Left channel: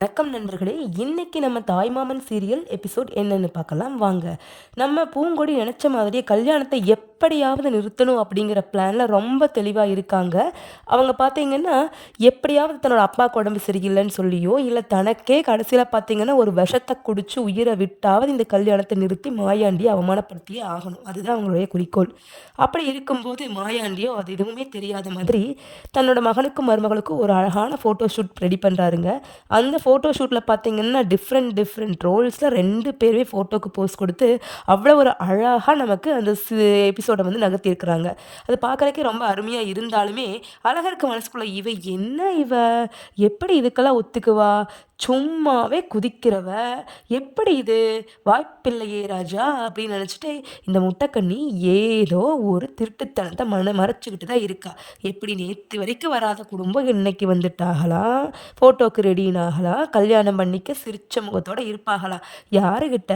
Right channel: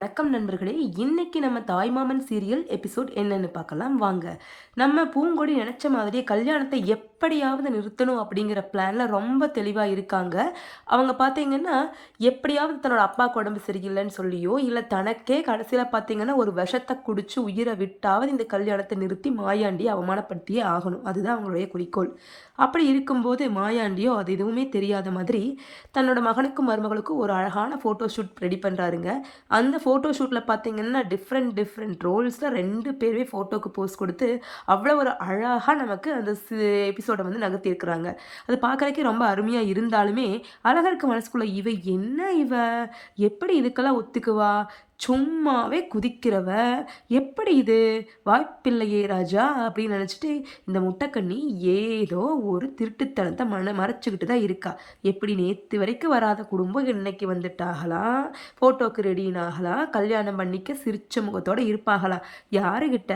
வணக்கம் நண்பர்களே! இன்னைக்கு நம்ம தாய்மாமன் சீரியல் எபிசோட் என்னன்னு பார்க்கலாம் வாங்க. நம்ம பூங்கொடி நெனச்ச மாதிரியே கல்யாணத்த எப்படியாவது நிறுத்தணும் அப்படிங்கிற பிளான்ல ரொம்ப தெளிவா இருக்காங்க. அவங்க பார்த்தீங்கன்னா, எப்படியாவது தன்னோட அப்பாவுக்கு உடம்பு சரியில்லன்னு சொல்லியோ, இல்ல தனக்கே கடைசியில பார்த்தீங்கன்னா, ஒரு விஷத்த குடிச்சு உயிர விட்டாவது இந்த கல்யாணத்த நிறுத்தி மாயாண்டிய அவமானப்படுத்தியே ஆகணும். அதுதான் அவங்களுடைய குறிக்கோள். அப்படி இருக்கும்போது மாயாண்டியோ அது எதுவுமே தெரியாத மாதிரி, தன்னோட மகனுக்கும் மருமகளுக்கும் ஒரு அழகான ஃபோட்டோ ஷூட் ரெடி பண்றாருங்க. அந்த ஃபோட்டோ ஷூட்ல பார்த்தீங்கன்னா, டிஃப்ரெண்ட் டிஃப்ரெண்ட் ரோல்ஸ்ல 2 பேருமே ஃபோட்டோக்கு போஸ் குடுத்து, அவ்வளோ ஒரு அழகா நமக்கு அந்த எபிசோட வந்து நகர்த்தியிருக்கிறாங்க. அது பார்க்கறதுக்கே ரொம்ப அருமையா இருந்தாலுமே, அழகருக்கு மனசுக்குள்ள இவ எப்படி இதுக்கெல்லாம் ஒத்துக்குவா? சும்மாவே குதிக்கிறவ, எப்படி இது? வாய்ப்பில்லையே ராஜா! அப்படின்னு நெனச்சுட்டு, இந்த முட்டக்கண்ணி ஏதோ ஒரு திருட்டுத்தனத்த மறைச்சுக்கிட்டு தான் இருக்கா. எப்படி நேத்து வரைக்கும் வராத குடும்பம் இன்னைக்கு வந்துட்டாகலாம். ஃபோட்டோக்கு ரெடினாகலாம். கல்யாணம் பண்ணிக்க சிரிச்ச முகத்தோட இருப்பாகலாம். யாருகிட்ட?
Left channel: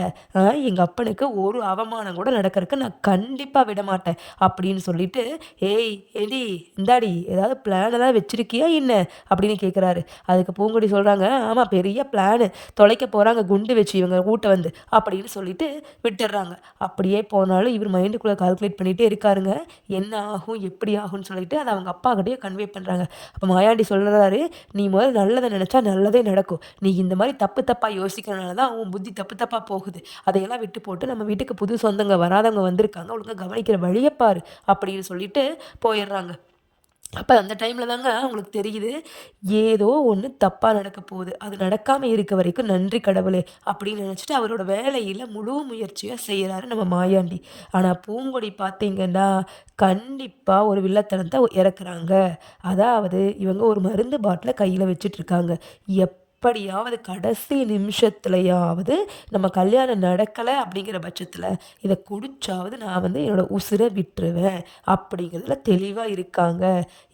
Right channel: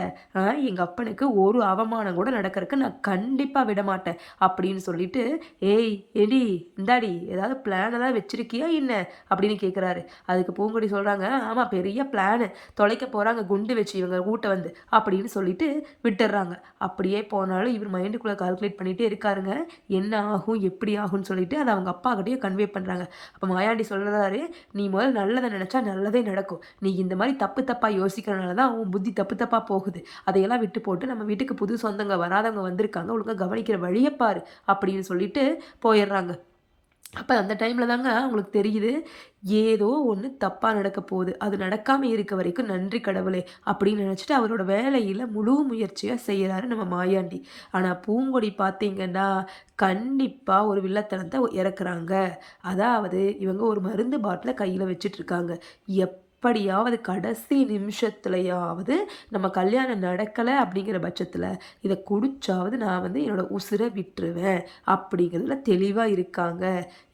எங்க அப்பனுக்கு ஒரு அவமானம் கூட நடக்கறக்கு நான் கண்டிப்பா விடமாட்டேன். அப்படின்னு சொல்லிட்டு, "ஏய் எடி இந்தாடி ஏதாவது பிளான் ஏதாவது வச்சிருக்கியா என்ன?" அப்படின்னு கேட்குறாரு. அதுக்கு பூங்கொடி சொல்றாங்க, "ஆமா பெரிய பிளானு. தொலைக்க போறாங்க குண்டு வச்சு இவங்க கூட்ட வந்து." அப்படின்னு சொல்லிட்டு விட்டுர்றாங்க. அப்படியே போனாலும் இவர் மைண்டுக்குள்ள கால்குலேட் பண்ணிட்டே இருக்காருங்க. என்ன ஆகும்? எப்படி ஆகும்ன்னு சொல்லிட்டு அத அவங்க அப்பாகிட்டயே கன்வே பண்றாங்க. அப்ப மாயாண்டி சொல்றாரு, "நீ முதல்ல நல்லத நெனச்சா நல்லதே நடக்கும். நீ இந்த மாரி தப்பு தப்பா யோசிக்கிறனால தான் உன் புத்தி தப்பு தப்பா போகுது. அதையெல்லாம் விட்டு போட்டு நம்ம வீட்டுக்கு புது சொந்தங்க வராதவங்க வந்திருக்காங்க. ஒழுங்கா கவனிக்கிற வழிய பாரு." அப்படின்னு சொல்லிட்டு போயிர்றாங்க. அப்ப அந்த டைம்ல தாங்க அவங்களுக்கு தெரியுது, ஏதோ ஒண்ணு தப்பா நடக்க போகுது. அது நடக்காம இருக்க வரைக்கும் நன்றி கடவுளே! அப்படின்னு நெனச்சுட்டு அவரோட வேலையில முழு முயற்சியா செய்றாரு நம்ம மாயாண்டி. ஆனா பூங்கொடி பார்த்தீங்கன்னா, கண்டிப்பா ஒரு வில்லத்தனத்த இறக்குறாங்க. அதாவது இவங்க ஒரு மருந்து பாட்டில கையில வச்சுட்டுருக்காங்க. எப்படியாவது கடைசி நிமிஷத்துலயாவது நம்ம கல்யாணம் நடக்கல அப்படிங்கிற பட்சத்துல, இத குடிச்சாவது நான் வந்து என்னோட உசிர விட்டுருவேன். அப்படிங்கிறதுல தெளிவா இருக்காங்க.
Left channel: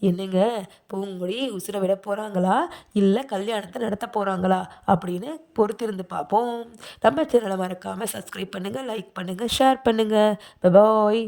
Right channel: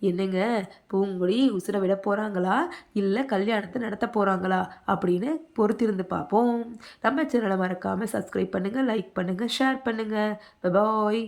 என்னங்க பூங்கொடி உசுர விட போறாங்களா? இல்ல கல்யாணத்த நடத்த போறாங்களா? அப்படின்னு பொறுத்திருந்து பார்ப்போம். நம்ம சேனல மறக்காம சப்ஸ்கிரைப் பண்ணுங்க, லைக் பண்ணுங்க, ஷேர் பண்ணுங்க. பாய்.